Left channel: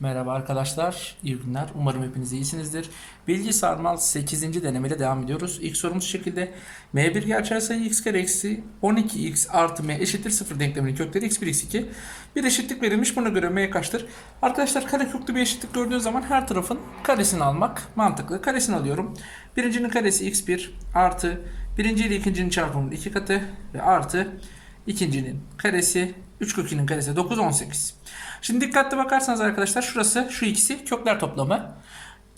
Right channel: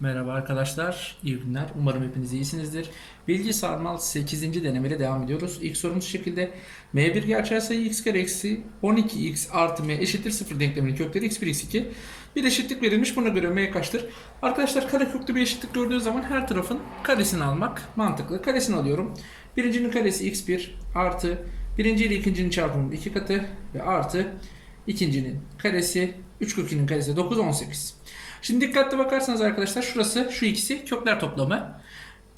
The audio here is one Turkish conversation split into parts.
Merhaba arkadaşlar, iyi günler. Umarım hepiniz iyisinizdir. Bilgi sarmal 8. denemeyle devam ediyoruz. İlk sorumuz şekilde. M1 gerçel sayı x kare eksi 12x artı m eşittir 0 denkleminin kökleri x1 x2. Bir eşitlik verilmiş. Buna göre m kaçtır? Arkadaşlar kare köklü bir eşitlik gördüğünüz zaman her tarafın karesini almak mantıklı. Karesini alıyorum. Birincinin karesi x1 artı birinci ile ikincinin çarpımının iki katı ve artı ikincinin karesi 3 kök 2'nin karesi 9 18. Şimdi dikkatli bakarsanız arkadaşlar şurası şu ikisi kökler toplamı.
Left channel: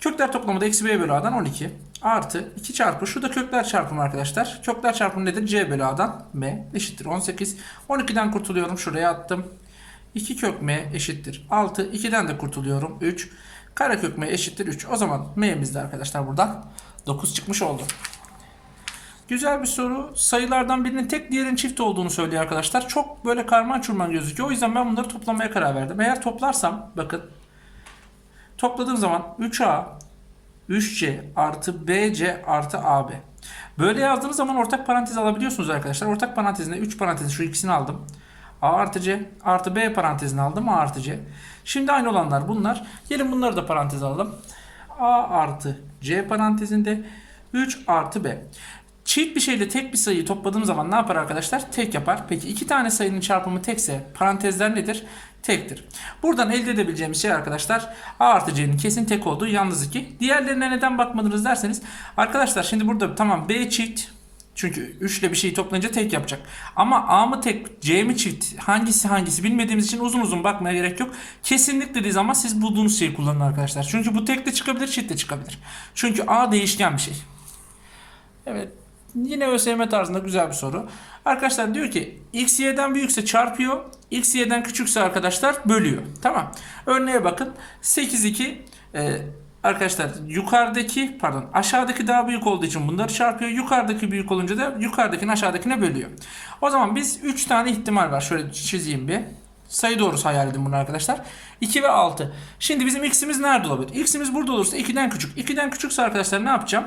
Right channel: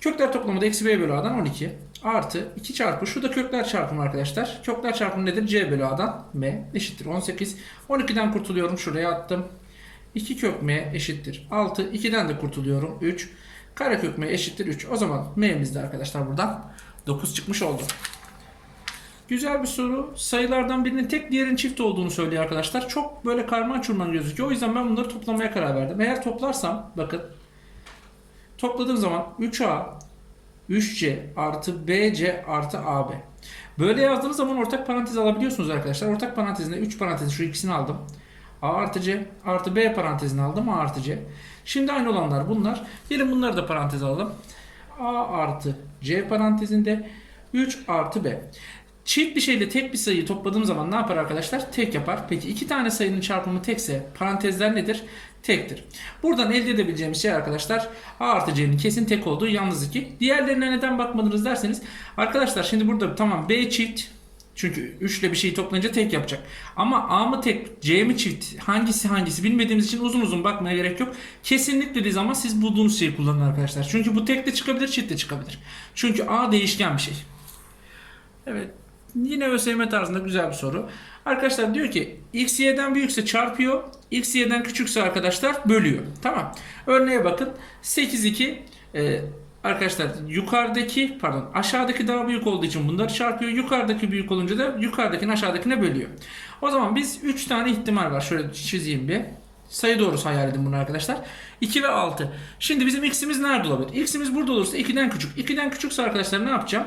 Kökler toplamı da eksi b bölü a'dan 12 artı 2 çarpı şu da kökler çarpımı arkadaşlar. Kökler çarpımı nedir? c bölü a'dan m eşittir 18. 12'den kurtuluyorum şuraya attım. 2 kök m eşittir 6. 2'den de kurtuluyorum 3. Karekök m eşittir 3. O zaman m'miz de arkadaşlar buradan 9 çıkmış oldu. Güzel bir soru. Sayılardan birinin tek diğerinin çift olduğunu söylüyor arkadaşlar. Çok böyle karman çurman gözüküyor. O yüzden ben bunları toplamaya karar verdim. Eğer toplarsam bakın topladığım zaman 3A 3C artı BC artı AB. Böyle yazdığınız zaman ortak parantez alabiliyorsunuz arkadaşlar. Ortak parantezine 3 parantez şu ikisini aldım. A artı C artı B parantezini aldım A artı C. Şimdi aynı olanlar bunlar. Gelin bunları da parantez alalım. A artı C parantezinde 3 artı B. Çift bir şeyle tek bir sayıyı topladığım zaman ne yapar arkadaşlar? Tek yapar. Peki iki tane sayının çarpımı tekse parantezler nedir? Tektir. Buradan elde edebileceğimiz şey arkadaşlar A artı C'nin kesin tek olduğu yalnız 2. Diğerlerine neden bakmadınız derseniz arkadaşlar şimdi burada tamam B çift çünkü 3 ile bir şeyi toplayınca tek yapacak. Ama A mı tek, C mi çift, hangisi hangisi bilmediğimiz için uzun uzun bakmaya gerek yok. Kesinlik dediği zaman siz bulduğunuz şeyi kullanın arkadaşlar. Çünkü bu tek de çıkabilir, çift de çıkabilir. Çünkü A değişken bir şey. Evet. Yine ÖSYM tarzında güzel bir soru. Arkadaşlar diyor ki x y'den büyükse çarpıyor. x y'den küçükse arkadaşlar bölüyor. Tamam. Örneğe bakın. 8 2 e, arkadaşlar yukarıdaki pardon aşağıdaki daha büyük olduğu için bunları çarpıyor. Yukarıdaki büyük olunca da yukarıdakini aşağıdakine bölüyor. O zaman biz 3 tane ihtimal var. Şöyle çizeyim bir. Sayı doğrusu hayal edin bunu arkadaşlar. 2 ve 6. Şimdi bizim x'imiz nerede olabilir? x'imiz burada olursa 2'den küçük. 2'den küçükse arkadaşlar ne yapacağım?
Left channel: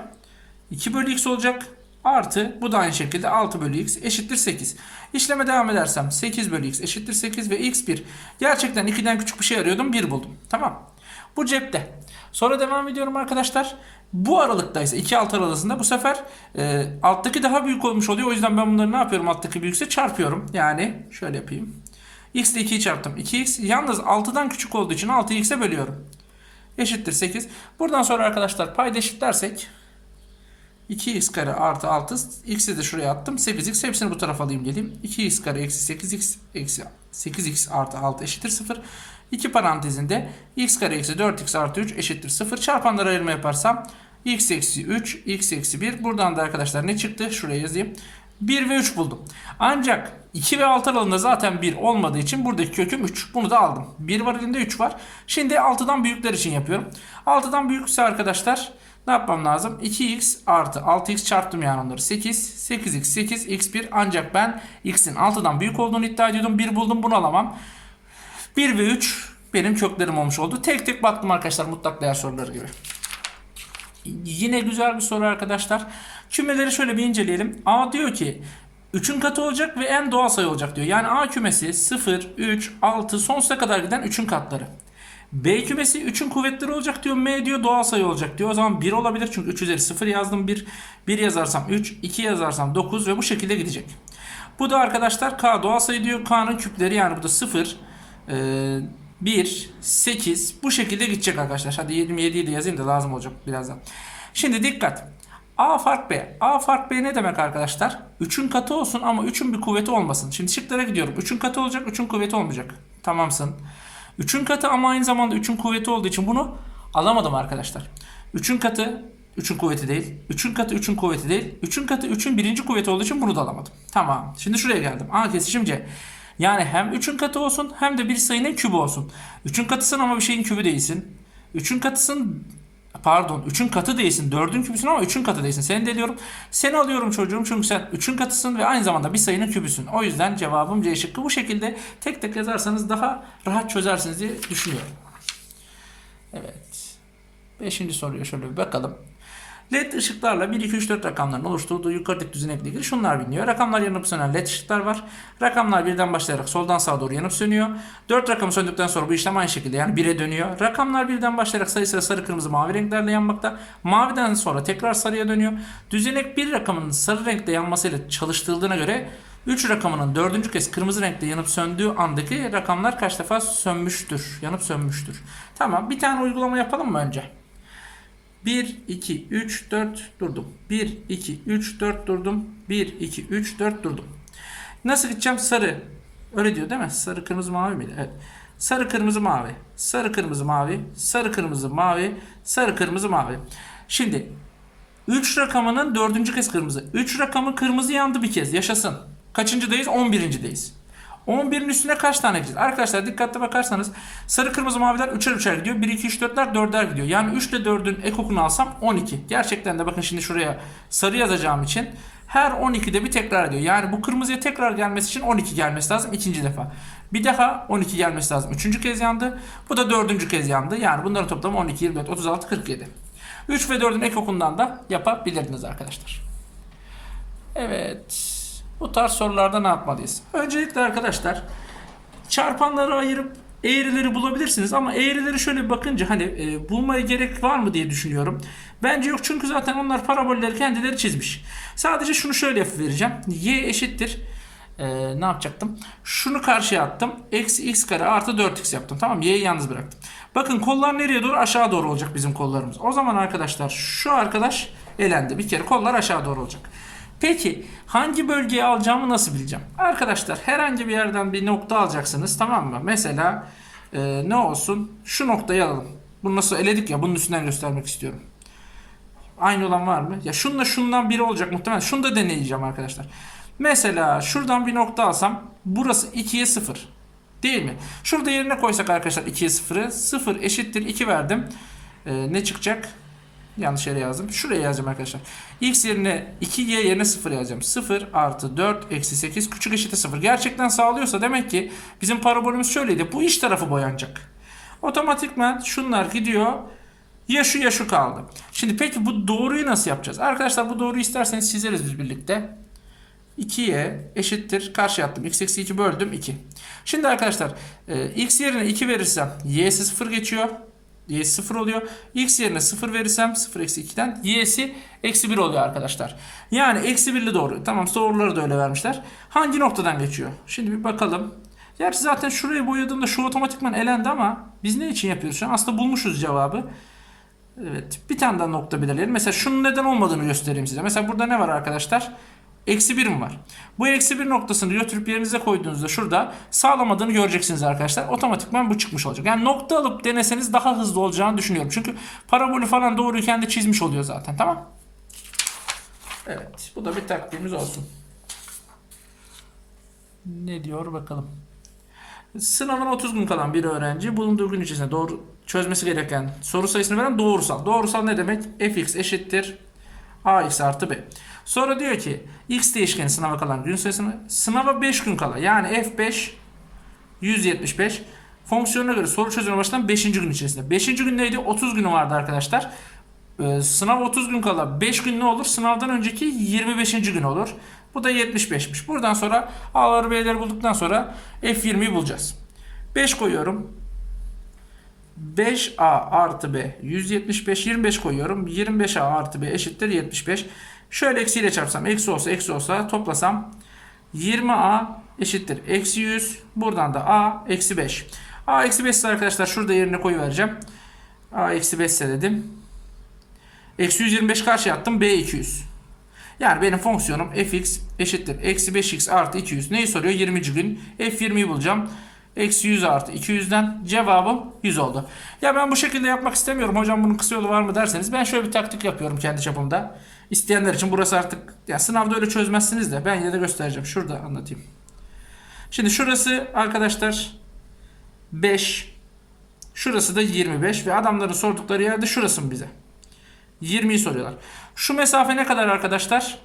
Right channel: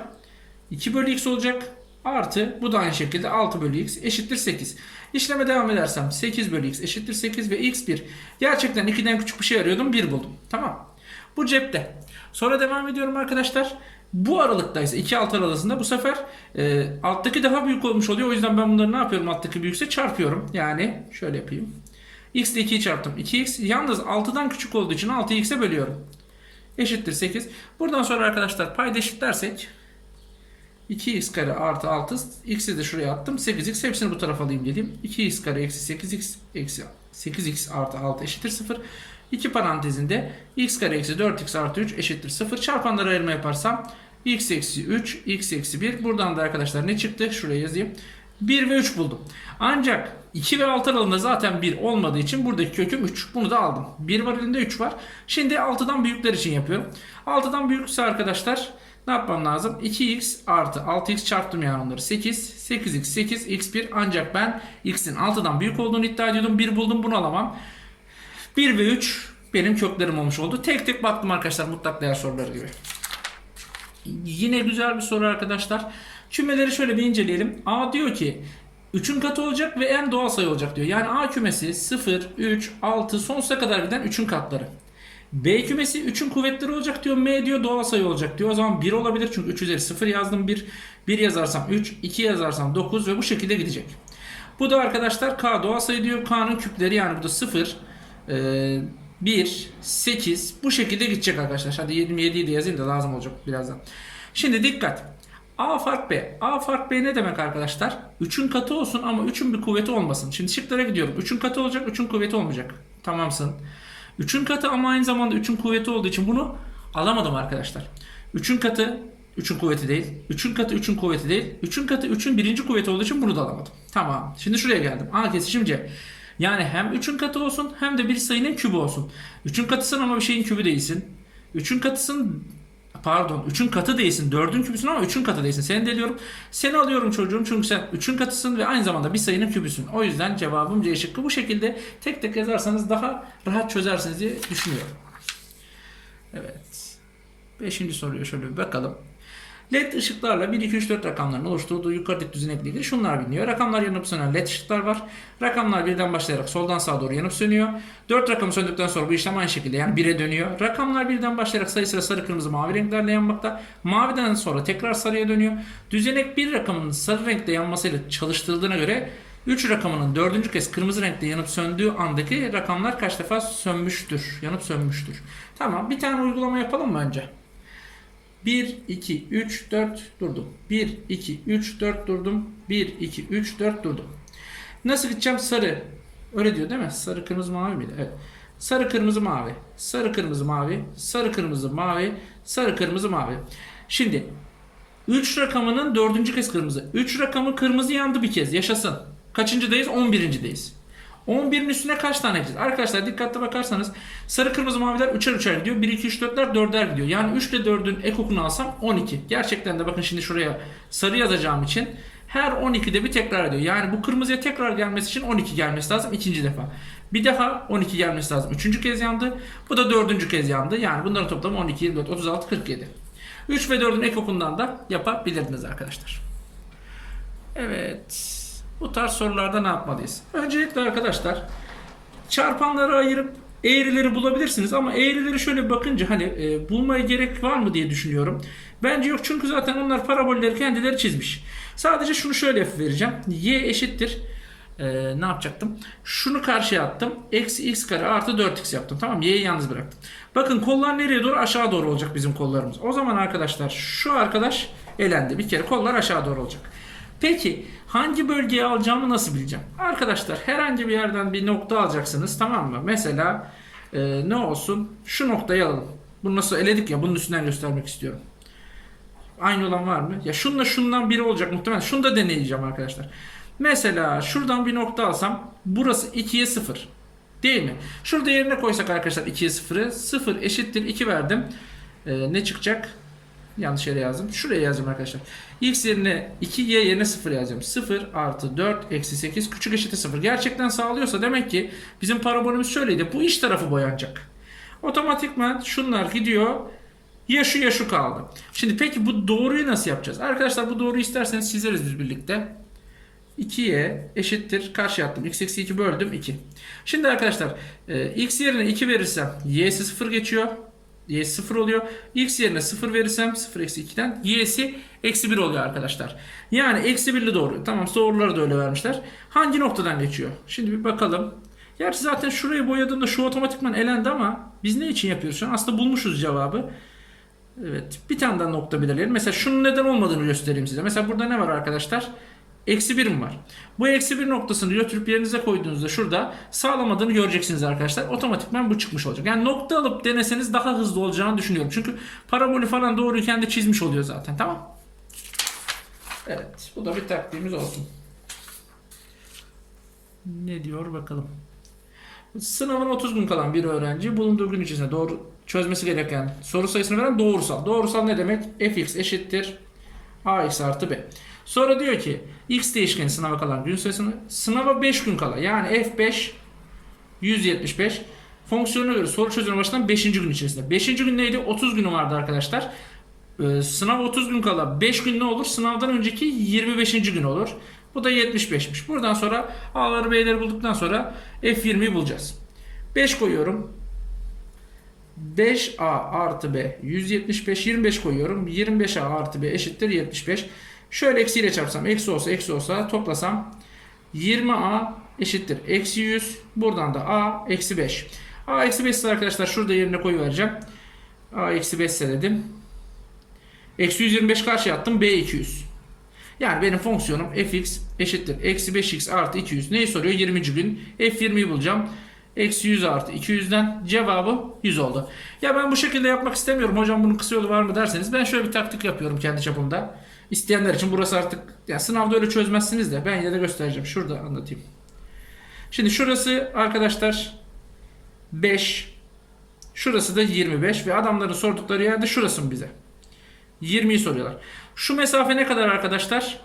2 bölü x olacak. Artı bu da aynı şekilde 6 bölü x eşittir 8. İşleme devam edersem 8 bölü x eşittir 8 ve x 1. Gerçekten 2'den küçük bir şey arıyordum 1 buldum. Tamam. Bu cepte. Sonra devam ediyorum arkadaşlar. Bu aralıktaysa 2 alt aralığında bu sefer e, alttaki daha büyük olmuş oluyor. O yüzden ben bunları ne yapıyorum alttaki büyükse çarpıyorum. Yani şöyle yapayım. x ile 2'yi çarptım. 2x yalnız 6'dan küçük olduğu için 6'yı x'e bölüyorum. Eşittir 8. Buradan sonra arkadaşlar payda eşitlersek 2x kare artı 6 x'i de şuraya attım. 8x hepsini bu tarafa alayım geleyim. 2x kare eksi 8x eksi 8x artı 6 eşittir 0 2 parantezinde x kare eksi 4x artı 3 eşittir 0 çarpanlara ayırma yaparsam x eksi 3 x eksi 1 buradan da arkadaşlar ne çıktı? Şuraya yazayım. 1 ve 3 buldum. Ancak 2 ve 6 aralığında zaten 1 olmadığı için buradaki köküm 3 bunu da aldım. 1 var elinde 3 var. Şimdi 6'dan büyükler için yapıyorum. 6'dan büyükse arkadaşlar ne yapmam lazım? 2x artı 6x çarptım yani onları 8. 8x 8 x1 ancak ben x'in 6'dan büyük olduğunu iddia ediyordum. 1 buldum bunu alamam. 1 ve 3 benim köklerim olmuş oldu. Tek tek baktım arkadaşlar mutlak değer soruları gibi. Yine güzel bir soru arkadaşlar. Kümeleri şöyle bir inceleyelim. A diyor ki 3'ün katı olacak ve en doğal sayı olacak diyor. Yani A kümesi 0, 3, 6 sonsuza kadar giden 3'ün katları. B kümesi 3'ün kuvvetleri olacak diyor. M diyor doğal sayı olacak diyor. O zaman 1 olabilir çünkü 3 üzeri 0 yazdım 1. 1 yazarsam 3, 2 yazarsam 9 ve bu şekilde gidecek. Bu da arkadaşlar K doğal sayı diyor. K'nın küpleri yani bu da 0, 1, 8 bu şekilde gidecek arkadaşlar. Hadi 27'yi de yazayım da lazım olacak birazdan. Şimdi dikkat. A fark B. A fark B ne demek arkadaşlar? 3'ün katı olsun ama 3'ün bir kuvveti olmasın. Şimdi şıklara gidiyorum. 3'ün katı olacak, 3'ün kuvveti olmayacak. Tamamsın. 3'ün katı ama aynı zamanda 3'ün kuvveti olduğu için bunu alamadım arkadaşlar. 3'ün katı 3'ün kuvveti değil. 3'ün katı 3'ün kuvveti değil. 3'ün katı 3'ün birinci kuvveti olduğu için bunu da alamadım. Tamam. Şimdi şuraya geldim. A kesişim C. Yani hem 3'ün katı olsun hem de bir sayının kübü olsun. 3'ün katısın ama bir şeyin kübü değilsin. 3'ün katısın pardon 3'ün katı değilsin. 4'ün kübüsün ama 3'ün katı değilsin. Seni deliyorum. Seni alıyorum çocuğum çünkü sen 3'ün katısın ve aynı zamanda bir sayının kübüsün. O yüzden cevabım C şıkkı. Bu şekilde tek tek yazarsanız daha rahat çözersiniz diye düşünüyorum. Evet. Beşinci soruya şöyle bir bakalım. LED ışıklarla 1, 2, 3, 4 rakamların oluşturduğu yukarıdaki düzenekle ilgili şunlar biliniyor. Rakamlar yanıp sönen LED ışıklar var. Rakamlar birden başlayarak soldan sağa doğru yanıp sönüyor. 4 rakamı söndükten sonra bu işlem aynı şekilde yani 1'e dönüyor. Rakamlar birden başlayarak sayı sıra sarı, kırmızı, mavi renklerle yanmakta. Maviden sonra tekrar sarıya dönüyor. Düzenek bir rakamının sarı renkte yanmasıyla çalıştırıldığına göre 3 rakamının dördüncü kez kırmızı renkte yanıp söndüğü andaki rakamlar kaç defa sönmüştür? Yanıp sönmüştür. Tamam bir tane uygulama yapalım mı önce? 1, 2, 3, 4 durdum. 1, 2, 3, 4 durdum. 1, 2, 3, 4 durdum. Nasıl gideceğim? Sarı. Öyle diyor değil mi? Sarı, kırmızı, mavi miydi? Evet. Sarı, kırmızı, mavi. Sarı, kırmızı, mavi. Sarı, kırmızı, mavi. Sarı, kırmızı, mavi. Şimdi 3 rakamının dördüncü kez kırmızı. 3 rakamı kırmızı yandı bir kez. Yaşasın. Kaçıncıdayız? 11.deyiz. 11'in üstüne kaç tane gideceğiz? Arkadaşlar dikkatli bakarsanız sarı kırmızı maviler 3'er 3'er gidiyor. 1 2 3 4'ler 4'er gidiyor. Yani 3 ile 4'ün ekokunu alsam 12. Gerçekten de bakın şimdi şuraya sarı yazacağım için her 12'de bir tekrar ediyor. Yani bu kırmızıya tekrar gelmesi için 12 gelmesi lazım ikinci defa. Bir defa 12 gelmesi lazım. Üçüncü kez yandı. Bu da dördüncü kez yandı. Yani bunların toplamı 12, 24, 36, 47. 3 ve 4'ün ekokundan da yapabilirdiniz arkadaşlar. Evet. Bu tarz sorularda ne yapmalıyız? Öncelikle arkadaşlar çarpanları ayırıp eğrileri bulabilirsiniz ama eğrileri şöyle bakınca hani e, bulmaya gerek var mı diye düşünüyorum. Bence yok çünkü zaten onlar parabolleri kendileri çizmiş. Sadece şunu şöyle vereceğim. Y eşittir. E, ne yapacaktım? Şunu karşıya attım. Eksi x kare artı 4x yaptım. Tamam Y'yi yalnız bıraktım. Bakın kollar nereye doğru? Aşağı doğru olacak bizim kollarımız. O zaman arkadaşlar şu arkadaş elendi. Bir kere kollar aşağı doğru olacak. Peki hangi bölgeye alacağımı nasıl bileceğim? Arkadaşlar herhangi bir yerden bir nokta alacaksınız tamam mı? Mesela e, ne olsun? Şu noktayı alalım. Bunu nasıl eledik ya bunun üstünden göstermek istiyorum. Aynı olan var mı? Ya şunla şundan biri olacak muhtemelen. Şunu da deneyeceğim arkadaşlar. Mesela şuradan bir nokta alsam burası 2'ye 0. Değil mi? Şurada yerine koysak arkadaşlar 2'ye 0'ı 0 eşittir 2 verdim. E, ne çıkacak? Yanlış yere yazdım. Şuraya yazacağım arkadaşlar. X yerine 2, Y yerine 0 yazacağım. 0 artı 4 eksi 8 küçük eşittir 0. Gerçekten sağlıyorsa demek ki bizim parabolümüz şöyleydi. Bu iç tarafı boyanacak. Otomatikman şunlar gidiyor. Ya şu ya şu kaldı. Şimdi peki bu doğruyu nasıl yapacağız? Arkadaşlar bu doğruyu isterseniz çizeriz biz birlikte. 2'ye eşittir. Karşı attım. X eksi 2 böldüm 2. Şimdi arkadaşlar e, x yerine 2 verirsem y'si 0 geçiyor. Y'si 0 oluyor. X yerine 0 verirsem 0 eksi 2'den Y'si eksi 1 oluyor arkadaşlar. Yani eksi 1'li doğru. Tamam soruları da öyle vermişler. Hangi noktadan geçiyor? Şimdi bir bakalım. Gerçi zaten şurayı boyadığımda şu otomatikman elendi ama biz ne için yapıyoruz? Aslında bulmuşuz cevabı. Evet. Bir tane daha nokta belirleyelim. Mesela şunun neden olmadığını göstereyim size. Mesela burada ne var arkadaşlar? Eksi birim var. Bu eksi bir noktasını götürüp yerinize koyduğunuzda şurada sağlamadığını göreceksiniz arkadaşlar. Otomatikman bu çıkmış olacak. Yani nokta alıp deneseniz daha hızlı olacağını düşünüyorum. Çünkü parabolü falan doğruyu kendi çizmiş oluyor zaten. Tamam. Evet. Bu da bir taktiğimiz olsun. Ne diyor bakalım. Sınavın 30 gün kalan bir öğrenci bulunduğu gün içerisinde doğru çözmesi gereken soru sayısını veren doğrusal. Doğrusal ne demek? fx eşittir ax artı b. Sonra diyor ki x değişkeni sınava kalan gün sayısını sınava 5 gün kala yani f5 175 fonksiyonuna göre soru çözümü başlayan 5. gün içerisinde. 5. gün neydi? 30 günü vardı arkadaşlar. Ee, sınav 30 gün kala 5 gün ne olur? Sınavdan önceki 25. gün olur. Bu da 75'miş. Buradan sonra A'ları B'leri bulduktan sonra F20'yi bulacağız. 5 koyuyorum. 5A artı B 175 25 koyuyorum. 25A artı B eşittir 75. Şöyle eksiyle çarpsam eksi olsa eksi olsa toplasam 20A eşittir eksi 100. Buradan da A eksi 5. A eksi 5 ise arkadaşlar şurada yerine koyuvereceğim. A eksi 5 ise dedim. Eksi 125 karşı attım. B 200. Yani benim fonksiyonum fx eşittir. Eksi 5x artı 200. Neyi soruyor? 20. gün. F20'yi bulacağım. Eksi 100 artı 200'den cevabı 100 oldu. Ya ben bu şekilde yapmak istemiyorum. Hocam bunun kısa yolu var mı derseniz. Ben şöyle bir taktik yapıyorum kendi çapımda. İsteyenler için burası artık ya sınavda öyle çözmezsiniz de ben yine de göstereceğim. Şurada anlatayım. Şimdi şurası arkadaşlar 5. Şurası da 25 ve adamların sordukları yerde şurası mı bize? 20'yi soruyorlar. Şu mesafe ne kadar arkadaşlar?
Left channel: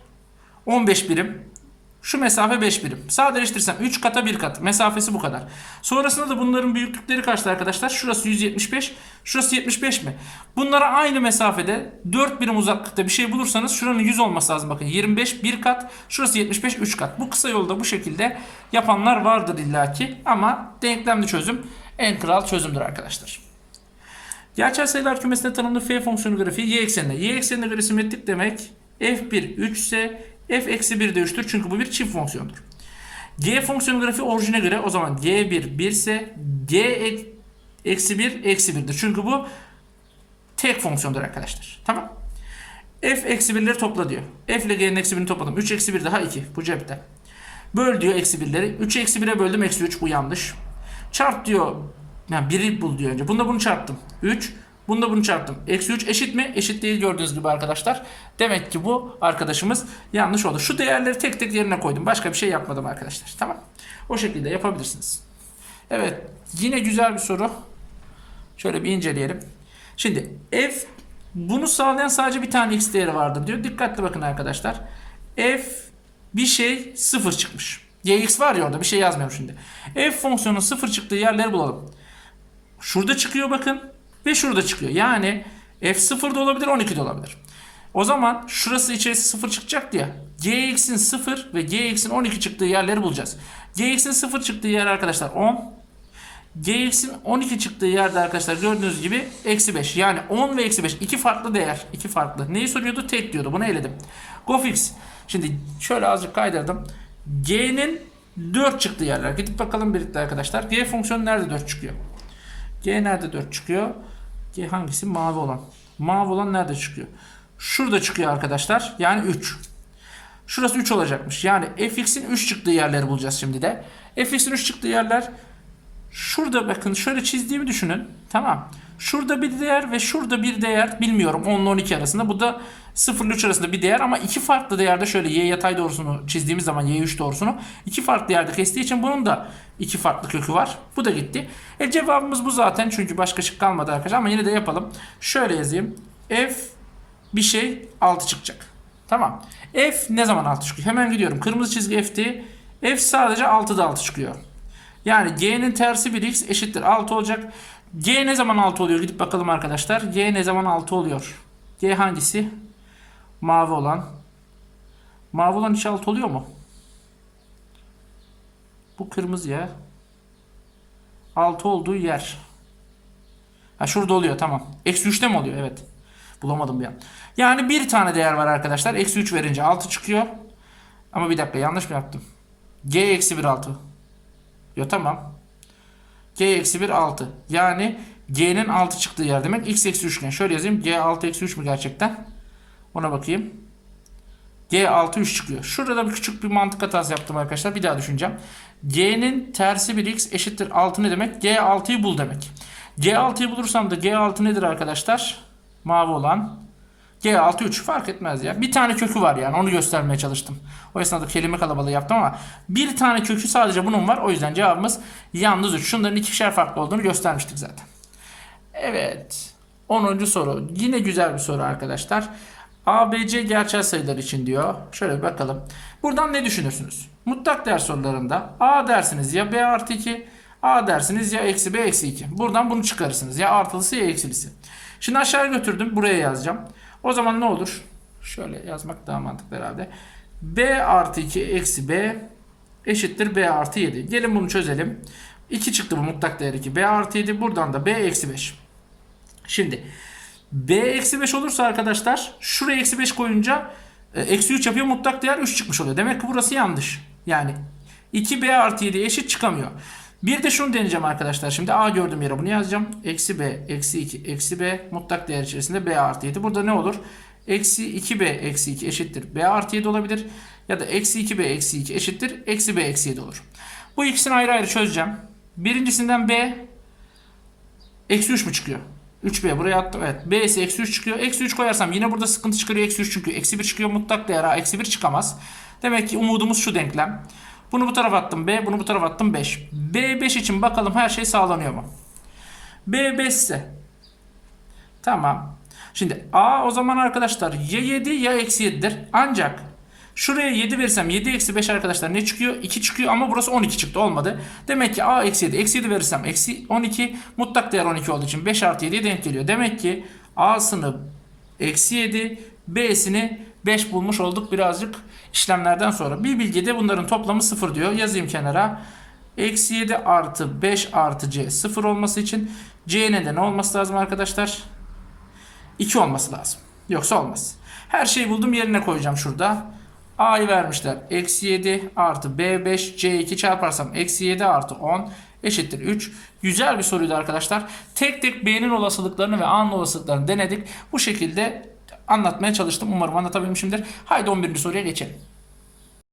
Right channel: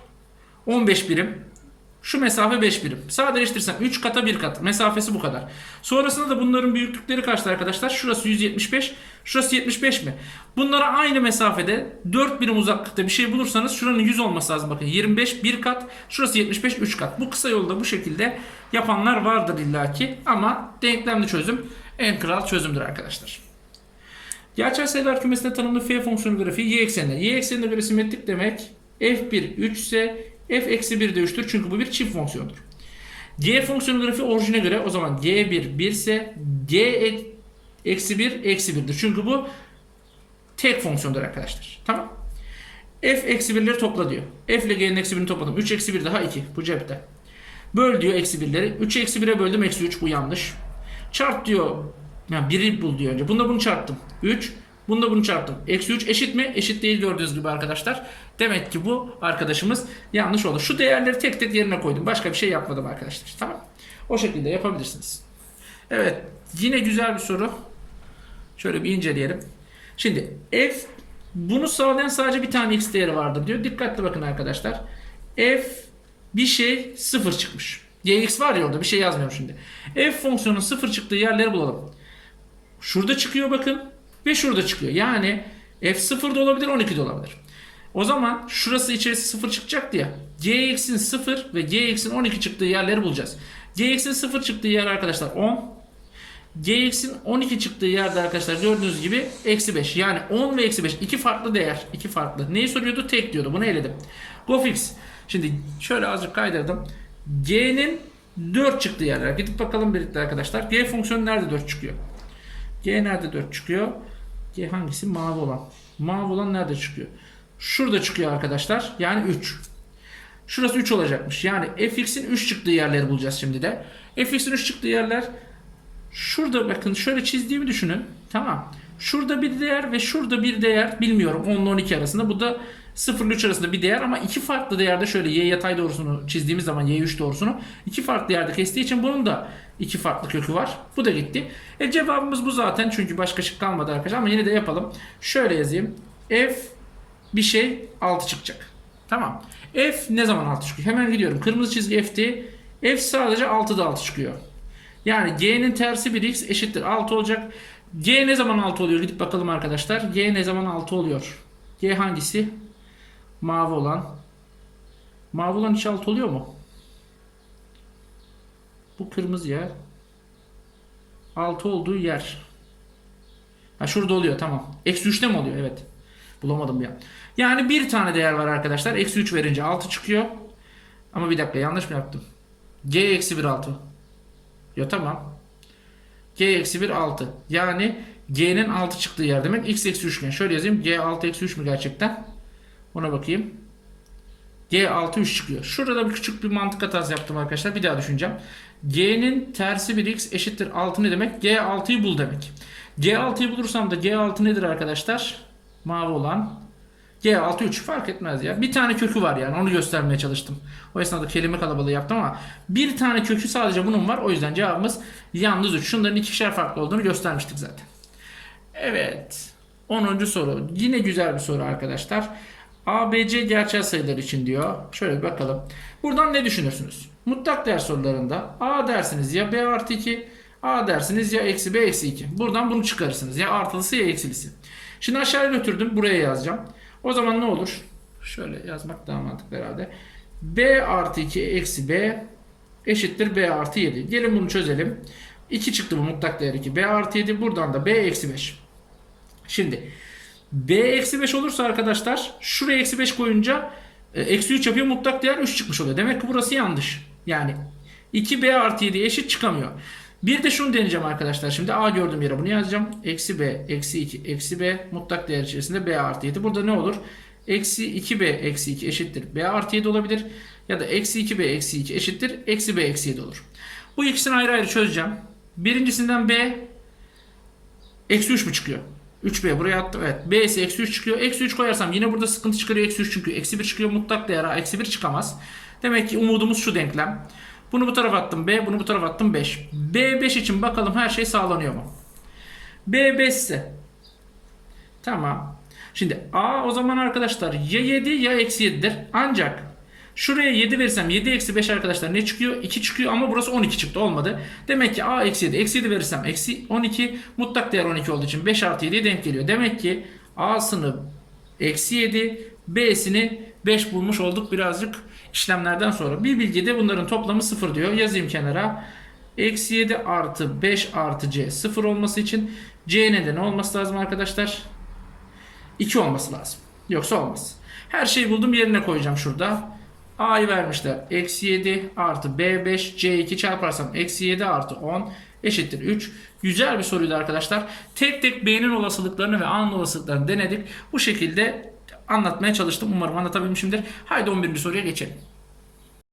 15 birim. Şu mesafe 5 birim. Sadeleştirirsem 3 kata 1 kat. Mesafesi bu kadar. Sonrasında da bunların büyüklükleri kaçtı arkadaşlar? Şurası 175. Şurası 75 mi? Bunlara aynı mesafede 4 birim uzaklıkta bir şey bulursanız şuranın 100 olması lazım. Bakın 25 1 kat. Şurası 75 3 kat. Bu kısa yolda bu şekilde yapanlar vardır illaki. Ama denklemli çözüm en kral çözümdür arkadaşlar. Gerçel sayılar kümesinde tanımlı f fonksiyonu grafiği y ekseninde. y ekseninde grafiği simetrik demek f1 3 ise f eksi 1 de 3'tür. Çünkü bu bir çift fonksiyondur. g fonksiyonu grafiği orijine göre o zaman g1 1 ise g ek- eksi 1 eksi 1'dir. Çünkü bu tek fonksiyondur arkadaşlar. Tamam. f eksi 1'leri topla diyor. f ile g'nin eksi 1'ini topladım. 3 eksi 1 daha 2. Bu cepte. Böl diyor eksi 1'leri. 3'ü eksi 1'e böldüm eksi 3. Bu yanlış. Çarp diyor. Yani biri bul diyor önce. Bunda bunu çarptım. 3. Bunda bunu çarptım. Eksi 3 eşit mi? Eşit değil gördüğünüz gibi arkadaşlar. Demek ki bu arkadaşımız yanlış oldu. Şu değerleri tek tek yerine koydum. Başka bir şey yapmadım arkadaşlar. Tamam. O şekilde yapabilirsiniz. Evet. Yine güzel bir soru. Şöyle bir inceleyelim. Şimdi f bunu sağlayan sadece bir tane x değeri vardır diyor. Dikkatli bakın arkadaşlar. f bir şey sıfır çıkmış. gx var ya orada bir şey yazmıyorum şimdi. f fonksiyonunun sıfır çıktığı yerleri bulalım. Şurada çıkıyor bakın ve şurada çıkıyor. Yani f 0 da olabilir 12 de olabilir. O zaman şurası içerisi 0 çıkacak ya. gx'in 0 ve gx'in 12 çıktığı yerleri bulacağız. gx'in 0 çıktığı yer arkadaşlar 10. gx'in 12 çıktığı yerde arkadaşlar gördüğünüz gibi eksi 5. Yani 10 ve eksi 5 iki farklı değer. iki farklı. Neyi soruyordu? Tek diyordu. Bunu eledim. GoFix. Şimdi şöyle azıcık kaydırdım. G'nin 4 çıktığı yerler. Gidip bakalım birlikte arkadaşlar. G fonksiyonu nerede 4 çıkıyor? G nerede 4 çıkıyor? G hangisi? Mavi olan. Mavi olan nerede çıkıyor? Şurada çıkıyor arkadaşlar. Yani 3. Şurası 3 olacakmış. Yani fx'in 3 çıktığı yerleri bulacağız şimdi de. fx'in 3 çıktığı yerler şurada bakın şöyle çizdiğimi düşünün. Tamam. Şurada bir değer ve şurada bir değer bilmiyorum 10 ile 12 arasında. Bu da 0 ile 3 arasında bir değer ama iki farklı değerde şöyle y yatay doğrusunu çizdiğimiz zaman y3 doğrusunu iki farklı yerde kestiği için bunun da iki farklı kökü var. Bu da gitti. E cevabımız bu zaten çünkü başka şık kalmadı arkadaşlar ama yine de yapalım. Şöyle yazayım. F bir şey 6 çıkacak. Tamam. F ne zaman 6 çıkıyor? Hemen gidiyorum. Kırmızı çizgi F'ti. F sadece 6'da 6 çıkıyor. Yani G'nin tersi bir x eşittir 6 olacak. G ne zaman 6 oluyor? Gidip bakalım arkadaşlar. G ne zaman 6 oluyor? G hangisi? Mavi olan. Mavi olan hiç 6 oluyor mu? Bu kırmızı yer. 6 olduğu yer. Ha şurada oluyor tamam. Eksi 3'te mi oluyor? Evet. Bulamadım bir an. Yani bir tane değer var arkadaşlar. Eksi 3 verince 6 çıkıyor. Ama bir dakika yanlış mı yaptım? G eksi 1 6. Yo tamam. G eksi 1 6. Yani G'nin 6 çıktığı yer demek. X eksi 3 iken. Şöyle yazayım. G 6 eksi 3 mü gerçekten? Ona bakayım. G 6 3 çıkıyor. Şurada bir küçük bir mantık hatası yaptım arkadaşlar. Bir daha düşüneceğim. G'nin tersi bir x eşittir 6 ne demek? G 6'yı bul demek. G 6'yı bulursam da G 6 nedir arkadaşlar? Mavi olan. G 6 3 fark etmez ya. Bir tane kökü var yani onu göstermeye çalıştım. O esnada kelime kalabalığı yaptım ama bir tane kökü sadece bunun var. O yüzden cevabımız yalnız 3. Şunların ikişer farklı olduğunu göstermiştik zaten. Evet. 10. soru. Yine güzel bir soru arkadaşlar. ABC gerçel sayılar için diyor. Şöyle bir bakalım. Buradan ne düşünürsünüz? Mutlak değer sorularında A dersiniz ya B artı 2, A dersiniz ya eksi B eksi 2. Buradan bunu çıkarırsınız. Ya artılısı ya eksilisi. Şimdi aşağıya götürdüm. Buraya yazacağım. O zaman ne olur? Şöyle yazmak daha mantıklı herhalde. B artı 2 eksi B eşittir B artı 7. Gelin bunu çözelim. 2 çıktı bu mutlak değer 2. B artı 7 buradan da B eksi 5. Şimdi B eksi 5 olursa arkadaşlar şuraya eksi 5 koyunca e, eksi 3 yapıyor mutlak değer 3 çıkmış oluyor. Demek ki burası yanlış. Yani 2B artı 7 eşit çıkamıyor. Bir de şunu deneyeceğim arkadaşlar. Şimdi A gördüğüm yere bunu yazacağım. Eksi B, eksi 2, eksi B mutlak değer içerisinde B artı 7. Burada ne olur? Eksi 2B eksi 2 eşittir. B artı 7 olabilir. Ya da eksi 2B eksi 2 eşittir. Eksi B eksi 7 olur. Bu ikisini ayrı ayrı çözeceğim. Birincisinden B eksi 3 mü çıkıyor? 3B buraya attım. Evet. B ise eksi 3 çıkıyor. Eksi 3 koyarsam yine burada sıkıntı çıkarıyor. Eksi 3 çünkü. Eksi 1 çıkıyor. Mutlak değer A. Eksi 1 çıkamaz. Demek ki umudumuz şu denklem. Bunu bu tarafa attım B. Bunu bu tarafa attım 5. B 5 için bakalım her şey sağlanıyor mu? B 5 ise. Tamam. Şimdi A o zaman arkadaşlar ya 7 ya eksi 7'dir. Ancak Şuraya 7 verirsem 7 eksi 5 arkadaşlar ne çıkıyor? 2 çıkıyor ama burası 12 çıktı olmadı. Demek ki a eksi 7 eksi 7 verirsem eksi 12 mutlak değer 12 olduğu için 5 artı 7'ye denk geliyor. Demek ki a'sını eksi 7 b'sini 5 bulmuş olduk birazcık işlemlerden sonra. Bir bilgi bunların toplamı 0 diyor. Yazayım kenara. Eksi 7 artı 5 artı c 0 olması için c'nin de ne olması lazım arkadaşlar? 2 olması lazım. Yoksa olmaz. Her şeyi buldum yerine koyacağım şurada. A'yı vermişler. Eksi 7 artı B5 C2 çarparsam eksi 7 artı 10 eşittir 3. Güzel bir soruydu arkadaşlar. Tek tek B'nin olasılıklarını ve A'nın olasılıklarını denedik. Bu şekilde anlatmaya çalıştım. Umarım anlatabilmişimdir. Haydi 11. soruya geçelim.